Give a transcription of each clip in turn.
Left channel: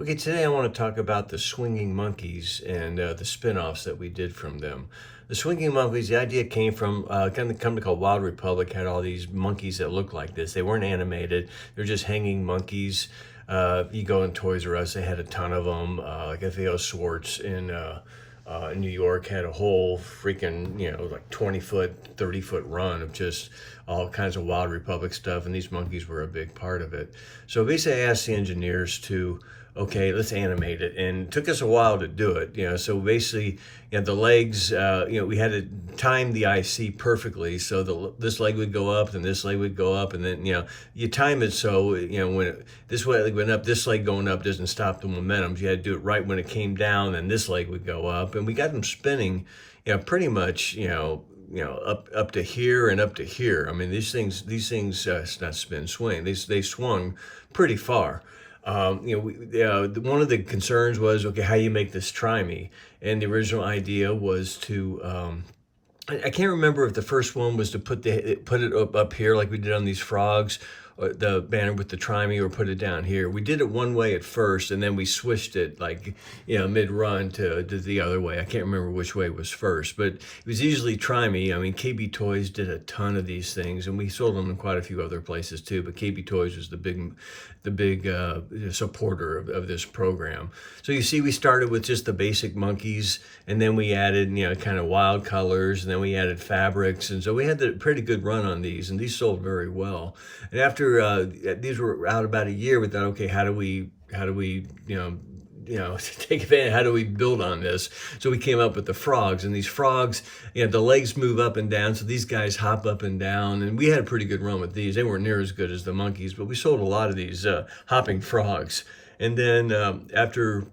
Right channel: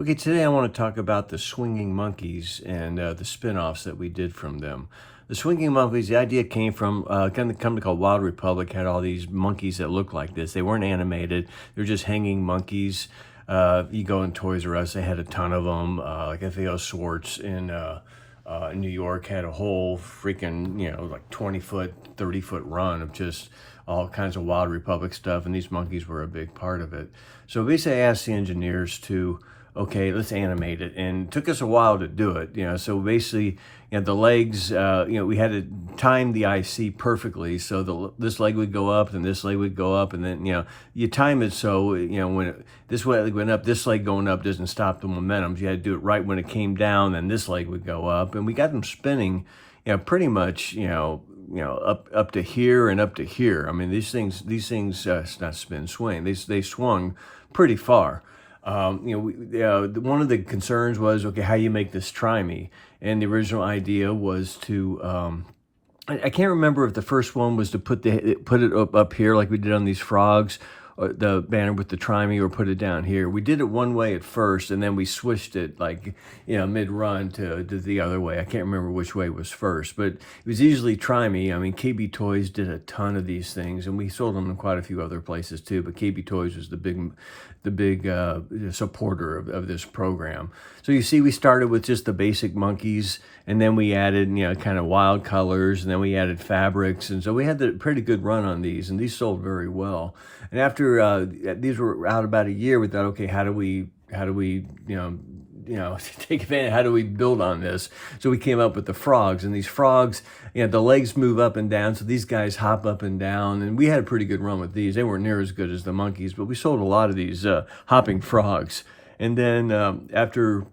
Okay, today I want to talk about the swinging monkeys and the spin-offs that we did from them. The swinging monkeys, the idea came from a company called Wild Republic. Had all these monkeys that looked like this. They weren't animated. They're just hanging monkeys. You go in Toys R Us, they had a ton of them. Like FAO Swartz in New York had a whole freaking, like 20-foot, 30-foot run of just all kinds of Wild Republic stuff, and these monkeys were a big part of it. So basically I asked the engineers to, okay, let's animate it. And it took us a while to do it, so basically, the legs, we had to time the IC perfectly. So this leg would go up, and this leg would go up, and then, you time it so, when this leg went up, this leg going up doesn't stop the momentum. You had to do it right when it came down, and this leg would go up. And we got them spinning, pretty much, up to here and up to here. I mean, these things, not spin, swing. They swung pretty far. One of the concerns was, okay, how you make this try-me? And the original idea was to, I can't remember if the first one was to put it up here like we did on these Frogz, or the banner with the try-me, or put it down here. We did it one way at first, and then we switched it like, mid-run to the other way. I can't remember which way was first, but it was easily try-me. I mean, KB Toys did a ton of these things, and we sold them in quite a few other places too, but KB Toys was the big supporter of this program. So you see, we started with just the basic monkeys, and then we added, kind of wild colors, and then we added fabrics, and so we had a pretty good run on these, and these sold very well. And after these were out about a year, we thought, okay, how do we take advantage, how do we build on this? So we came up with the Frogz, and these Frogz, the legs move up and down, so these guys hop up and down, and we had a pretty good run with these. They weren't near as good as the monkeys, but we sold a lot of these hopping frogs. And then after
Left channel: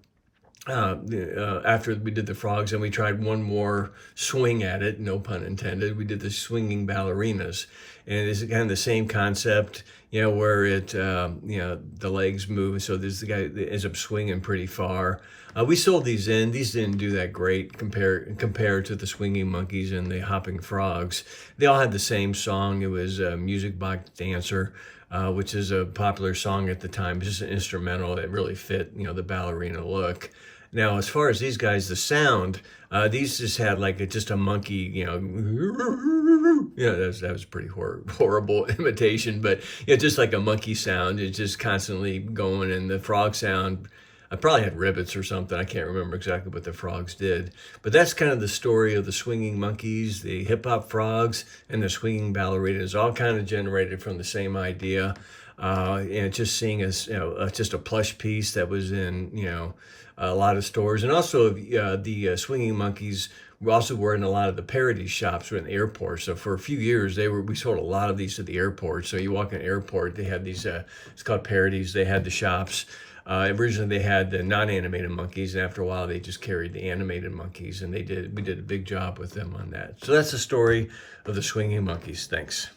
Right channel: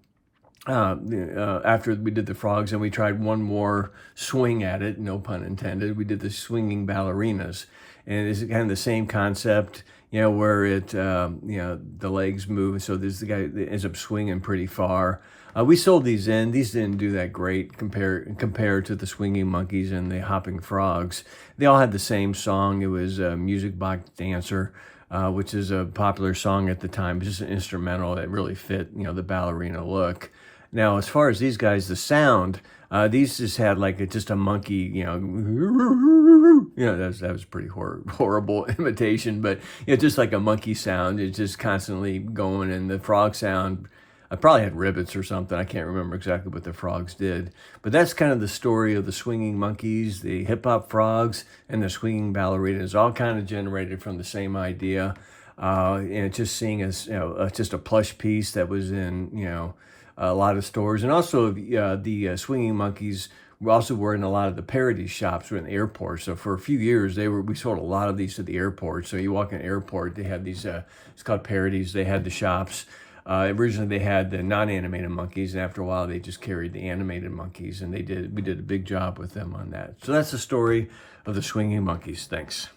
we did the Frogz, and we tried one more swing at it, no pun intended, we did the swinging ballerinas. And it's kind of the same concept, where it, the legs move. So this the guy that ends up swinging pretty far. We sold these in. These didn't do that great compared to the swinging monkeys and the hopping frogs. They all had the same song. It was Music Box Dancer, which is a popular song at the time. It's just an instrumental that really fit, the ballerina look. Now, as far as these guys, the sound, these just had like just a monkey, that was pretty horrible imitation, but just like a monkey sound. It's just constantly going, and the frog sound, I probably had ribbits or something. I can't remember exactly what the Frogz did, but that's kind of the story of the swinging monkeys, the hip hop Frogz, and the swinging ballerinas, all kind of generated from the same idea. And just seeing as, just a plush piece that was in, a lot of stores. And also the swinging monkeys we also were in a lot of the parody shops in the airport. So for a few years, we sold a lot of these at the airport. So you walk in the airport, they had these, it's called parodies. They had the shops. Originally they had the non-animated monkeys, and after a while they just carried the animated monkeys, and we did a big job with them on that. So that's the story of the swinging monkeys. Thanks.